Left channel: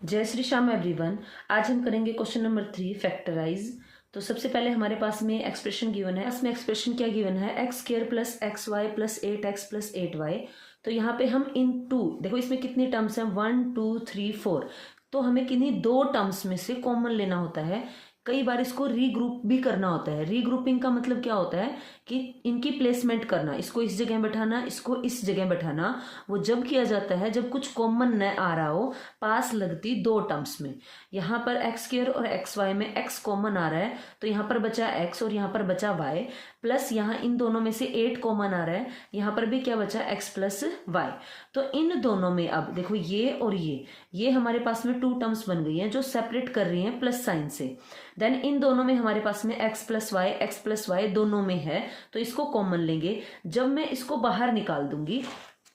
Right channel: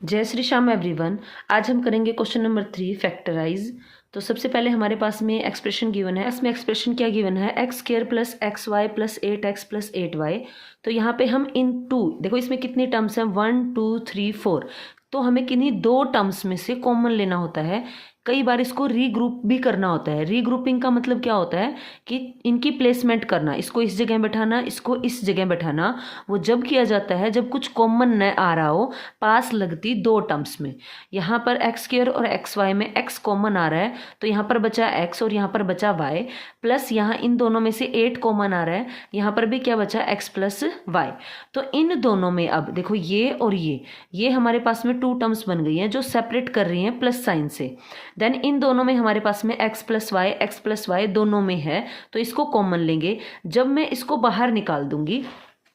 जय श्री श्याम एवरीवन। आज हम करेंगे क्वेश्चन नंबर 3 फैक्टराइज। तो सबसे पहले हमारे पास में एक्सप्रेशन गिवन है। इसमें एक्सप्रेशन क्या गिवन है? X square plus x y plus 8x plus 8y। तो यहाँ पे हम इन टू, देखो इसमें कितनी टर्म्स हैं, 1 2 3 4। तो हमें किन्हीं दो टर्म्स में से कॉमन लेना होता है। कई बार इसको रीग्रुप भी करना होता है। रीग्रुपिंग का मतलब क्या होता है कि इनकी प्लेसमेंट करना, इसको इस जगह बैठाना, इसको इस जगह बैठाना। वो जब किया जाता है जब कुछ कॉमन न आ रहा हो पास लगती दो टर्म्स में। यहाँ पर एक्स स्क्वायर और एक्स वाई में एक्स कॉमन आ रहा है, तो यहाँ पर बचा एक्स और यहाँ पर बचा वाई, प्लस यहाँ इन दोनों में से 8 कॉमन आ रहा है, यहाँ पर भी क्या बचा एक्स प्लस वाई। तो इन दोनों में अब देखो ये और ये हमारे पास में टू टर्म्स बन गई हैं जो सेपरेट कर रही हैं प्लस साइन से। देन इन दोनों में हमारे पास में एक्स प्लस वाई दोनों में है, तो इसको कॉमन लेंगे। जब मैं इसको बाहर निकाल दूंगी,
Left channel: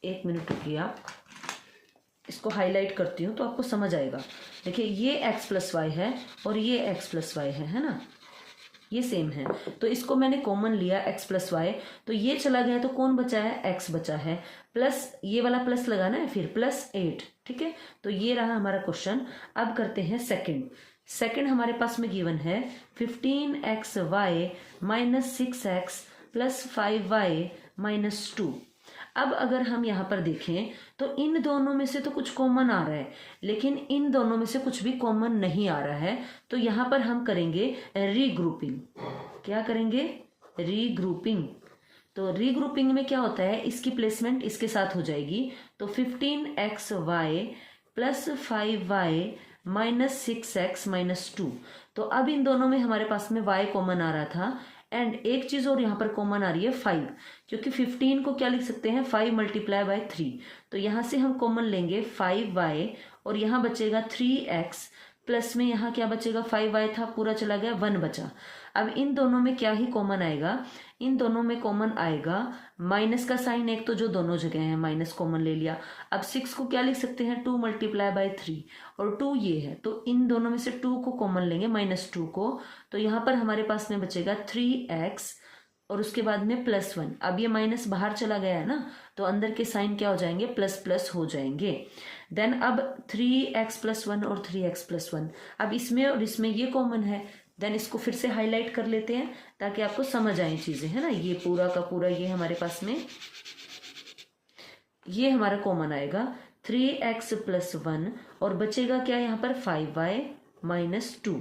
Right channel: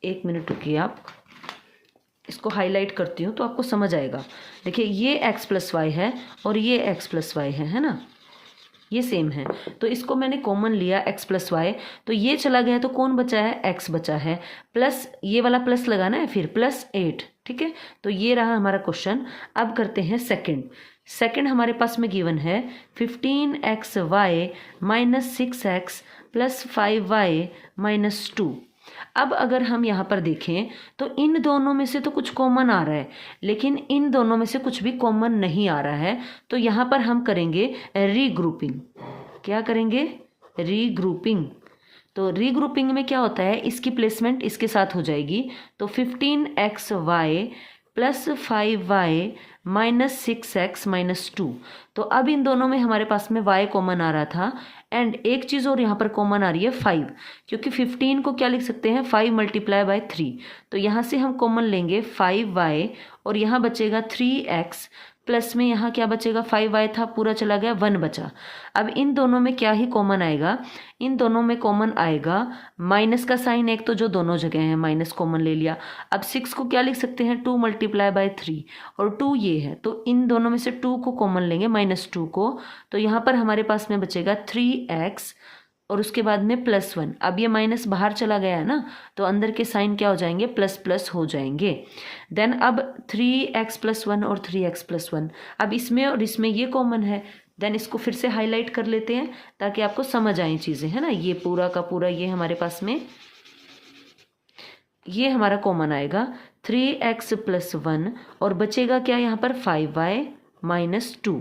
एक मिनट रुकिए, आप इसको हाईलाइट करती हूँ तो आपको समझ आएगा। देखिए ये एक्स प्लस वाई है और ये एक्स प्लस वाई है ना, ये सेम है। तो इसको मैंने कॉमन लिया एक्स प्लस वाई, तो ये चला गया तो कौन बचा है? एक्स बचा है, प्लस ये वाला प्लस लगाना है फिर प्लस 8। ठीक है, तो ये रहा हमारा क्वेश्चन। अब करते हैं सेकंड हमारे पास में गिवन है 15xy minus 6x plus 5y minus 2। अब अगर हम यहाँ पर देखें तो इन दोनों में से तो कुछ कॉमन आ रहा है, लेकिन इन दोनों में से कुछ भी कॉमन नहीं आ रहा है। तो यहाँ पर हम करेंगे रीग्रुपिंग। क्या करेंगे? रीग्रुपिंग। तो रीग्रुपिंग में क्या होता है, इसकी प्लेसमेंट इसके साथ हो जाएगी। तो 15xy plus 5y minus 6x minus 2। तो अब इन दोनों में हमारे पास में y कॉमन आ रहा था, एंड एक चीज़ और यहाँ पर कॉमन आ रही है 5, क्योंकि 15 को क्या लिख सकते हैं, 5 मल्टीप्लाई बाय 3। तो यहाँ से हम कॉमन लेंगे 5y और यहाँ बचेगा 3x, प्लस में यहाँ क्या बचेगा, 5y था पूरा चला गया, 1 बचा। अब इन दोनों में क्या ही कॉमन आएगा, इन दोनों में कॉमन आएगा माइनस का साइन, एक तो जो दोनों जगह है माइनस कॉमन ले लिया। अब 6 को क्या लिख सकते हैं, 2 मल्टीप्लाई बाय 3, और 2 ये है, तो इन दोनों में से 2 को कॉमन लेंगे, -2 को। तो यहाँ पर हमारे पास में बचेगा 3x और उसके बाद में +1। अब ये माइनस बाहर चला गया है ना, तो अंदर के साइन क्या हो जाएंगे, प्लस प्लस हो जाएंगे। देन अब 3x प्लस 1 और 3x प्लस 1, अब इसमें और इसमें ये कॉमन है। देन इसको फिर से हाईलाइट कर लेते हैं ताकि आपको समझ आए चीज़ें, है ना। ये पूरा का पूरा ये हमारे पास में ये हमारा कॉमन आएगा 3x प्लस 1, और बचेगा क्या यहाँ पर, 5y माइनस 2।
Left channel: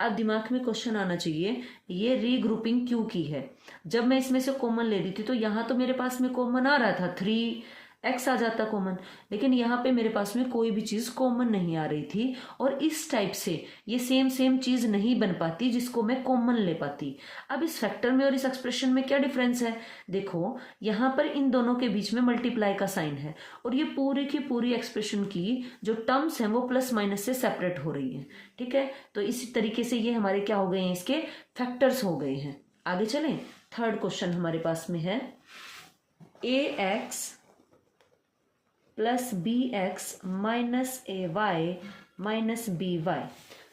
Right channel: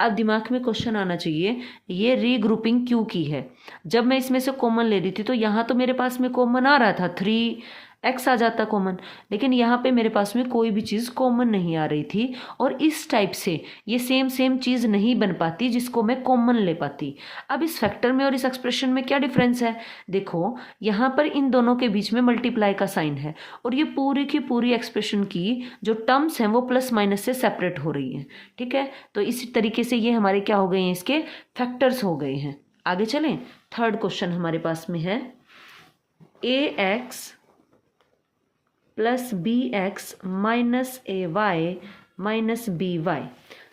अब दिमाग में क्वेश्चन आना चाहिए, ये रीग्रुपिंग क्यों की है? जब मैं इसमें से कॉमन ले रही थी तो यहाँ तो मेरे पास में कॉमन आ रहा था, 3x आ जाता कॉमन, लेकिन यहाँ पे मेरे पास में कोई भी चीज़ कॉमन नहीं आ रही थी। और इस टाइप से ये सेम चीज़ नहीं बन पाती जिसको मैं कॉमन ले पाती। अब इस फैक्टर में और इस एक्सप्रेशन में क्या डिफरेंस है? देखो यहाँ पर इन दोनों के बीच में मल्टीप्लाई का साइन है, और ये पूरी की पूरी एक्सप्रेशन की जो टर्म्स हैं वो प्लस माइनस से सेपरेट हो रही हैं। ठीक है, तो इसी तरीके से ये हमारे क्या हो गए हैं, इसके फैक्टर्स हो गए हैं। आगे चलें, थर्ड क्वेश्चन हमारे पास में है ax plus bx minus ay minus by।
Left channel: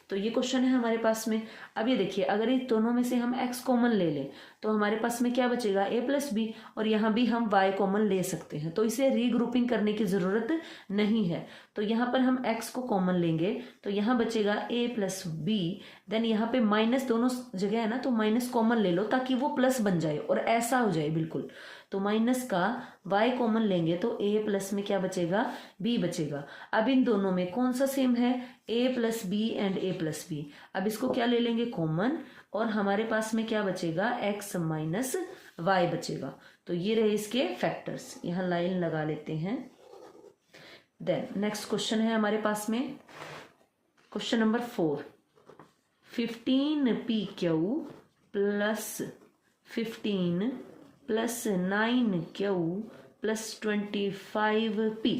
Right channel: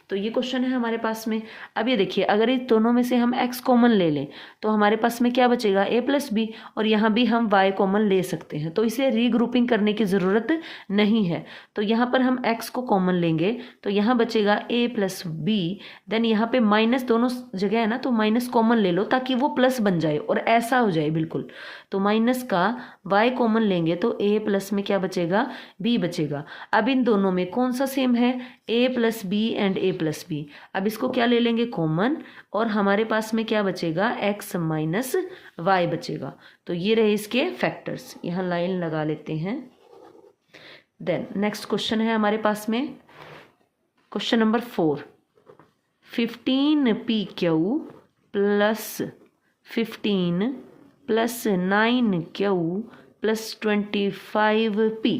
तो ये क्वेश्चन है हमारे पास में। अब ये देखिए, अगर इन दोनों में से हम x कॉमन ले लें तो हमारे पास में क्या बचेगा, a प्लस बी, और यहाँ भी हम y कॉमन ले सकते हैं, तो इसे रीग्रुपिंग करने की ज़रूरत नहीं है। तो यहाँ पर हम x को कॉमन लेंगे तो यहाँ बचेगा a प्लस बी। देन यहाँ पे माइनस दोनों जगह है ना, तो माइनस कॉमन ले लो ताकि वो प्लस बन जाए और ऐसा हो जाए बिल्कुल। तो माइनस का y कॉमन लेंगे तो a प्लस में क्या बचेगा, b बचेगा। अब इन दोनों में कौन सा सेम है, a plus B and a plus B. अब इसको क्या ले लेंगे, कॉमन, और हमारे पास में क्या बचेगा, x माइनस वाई बचेगा। तो ये रहे इसके फैक्टर्स, यहाँ लाइन लगा लेते हैं। देन नेक्स्ट क्वेश्चन है हमारे पास में question number 4, 15pq plus 15 plus 9q plus 25p।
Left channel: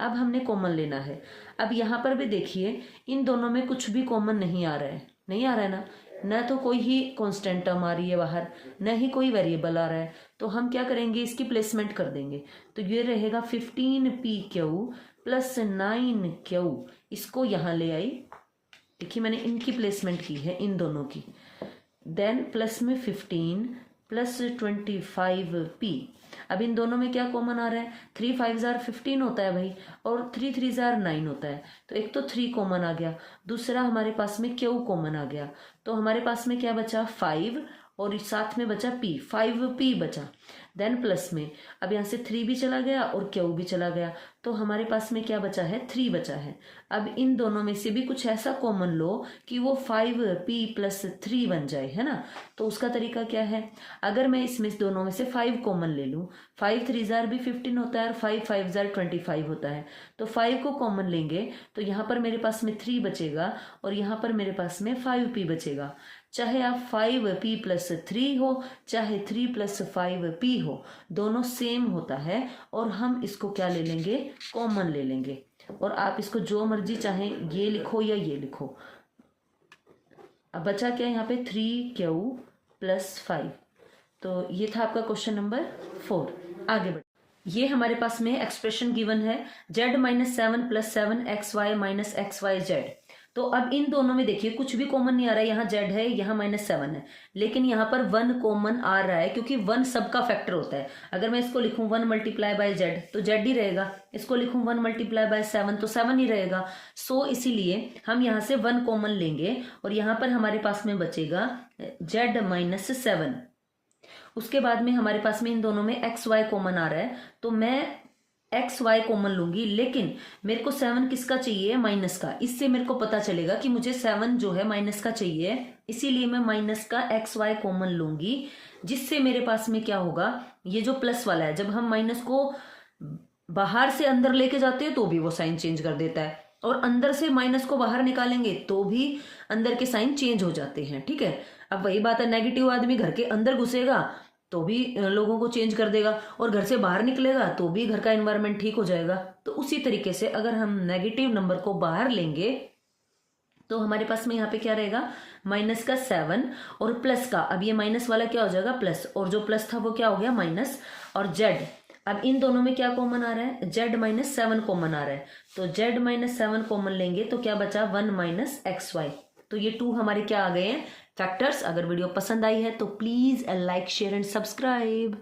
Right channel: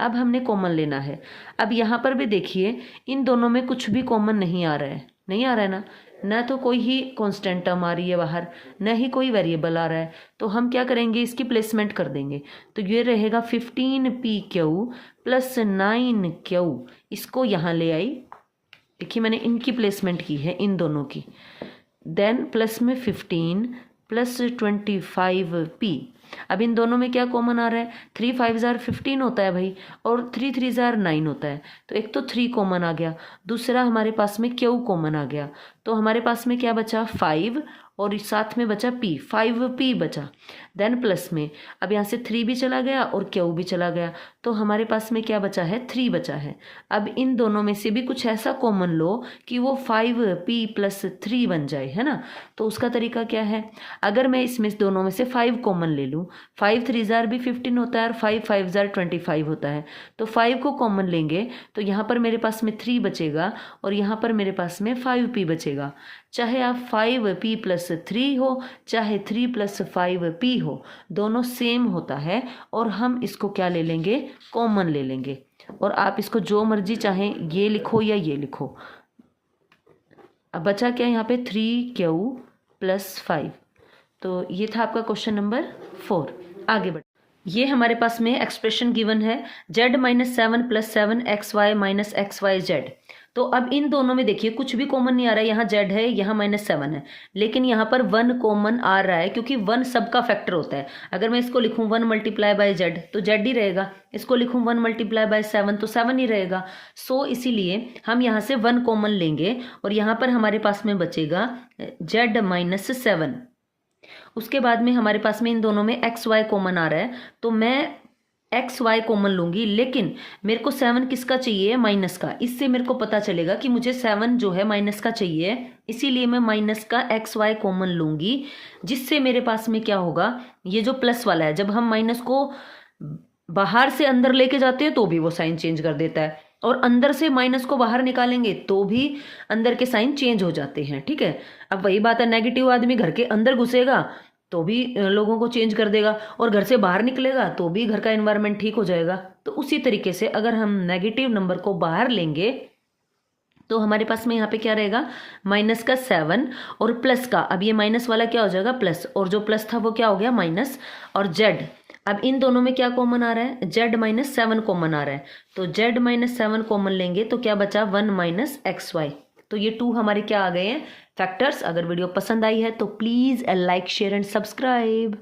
अब हमने कॉमन लेना है। अब यहाँ पर भी देखिए, इन दोनों में कुछ भी कॉमन नहीं आ रहा है, नहीं आ रहा है ना, न तो कोई ही कांस्टेंट टर्म आ रही है बाहर, न ही कोई वेरिएबल आ रहा है। तो हम क्या करेंगे, इसकी प्लेसमेंट कर देंगे। तो ये रहेगा 15pq प्लस 9q, इसको यहाँ ले आई, देखिए मैंने इनकी प्लेसमेंट की है, इन दोनों की। देन प्लस में 15 प्लस 25p। अब इन दोनों में क्या कॉमन आ रहा है, 3 5 15 होता है भाई, और 3 3 9 होता है। तो एक तो 3 कॉमन आ गया, दूसरा हमारे पास में क्यू कॉमन आ गया। तो हमारे पास में क्या बचा, 5, और साथ में बचा p, 5p बचा। देन प्लस में अब यहाँ से 3 भी चला गया और क्यू भी चला गया, तो हमारे पास में क्या बचा है, 3 बचा है। अब इन दोनों में से भी कुछ ऐसा कॉमन लो कि वो 5p + 3 बन जाए, है ना। तो उसका तरीका क्या है, अगर मैं इसमें दोनों में से 5 कॉमन ले लूँ, 5 3 भी 15 होता है और 5 5 25 होता है, तो 5 को कॉमन लेंगे तो यहाँ पर मेरे पास में 3 बचेगा और यहाँ पर मेरे पास में 5p बचेगा। चाहे आप 5p + 3 हो, चाहे 3 + 5p हो, दोनों सेम होता है और हम इसको क्या ले लेंगे, कॉमन ले लेंगे। और आप इसको जो मर्जी चाहें ये लिखो या ये लिखो। अब बचा क्या यहाँ पे, 3q + 5। तो ये था आपका क्वेश्चन नंबर 4। आगे बढ़, ये हमारे पास में एक्सप्रेशन गिवन है z - 7 + 7xy - xyz। तो अब इन दोनों में देखिए कुछ भी कॉमन नहीं आ रहा है, यहाँ z है, यहाँ -7 है, लेकिन यहाँ पर 1 कॉमन आ रहा है क्योंकि 1 सबका फैक्टर होता है। अगर मैं इसको लिखूं 1 × z तो z ही रहेगा, इसको लिखूं 1 × 7 तो 7 ही रहेगा। सो इसीलिए हम यहाँ से 1 कॉमन लेंगे और यहाँ पर हमारे पास में बचेगा z - 7। उसके बाद में हमारे पास में इन दोनों में एक्स वाई कॉमन आ रहा है, तो मैं एक्स वाई कॉमन लूंगी, लेकिन मेरे को 7 किसका चाहिए, माइनस का। इससे मेरे को पता चलेगा कि मुझे 7 जो है माइनस का चाहिए, इसीलिए मैं माइनस का एक्स वाई कॉमन लूंगी, जिससे मेरे पास में क्या होगा, ये जो प्लस वाला है, जब हम माइनस को बाहर से अंदर लेके जाते हैं तो भी वो साइन चेंज कर देता है, और अंदर से माइनस को बाहर निकालेंगे तो भी अंदर के साइन चेंज हो जाते हैं, ठीक है। अब वही बात है, नेगेटिव आदमी घर के अंदर घुसेगा तो भी लोगों को चेंज कर देगा, और घर से बाहर निकलेगा तो भी घर का एनवायरनमेंट ठीक हो जाएगा। तो उसी तरीके से अगर हम नेगेटिव नंबर को बाहर लेंगे तो हमारे पास में यहाँ पे क्या रहेगा, माइनस का 7 और प्लस का, अब ये माइनस वाला क्या हो जाएगा प्लस, और जो प्लस था वो क्या हो गया माइनस, और जेड। अब इन दोनों में क्या कॉमन आ रहा है, z - 7 कॉमन आ रहा है, तो z - 7 कॉमन लेंगे तो क्या बचा 1 - xy। तो ये 2 हमारे क्या आ गए हैं, फैक्टर्स। अगर वीडियो पसंद आई है तो please like share and subscribe.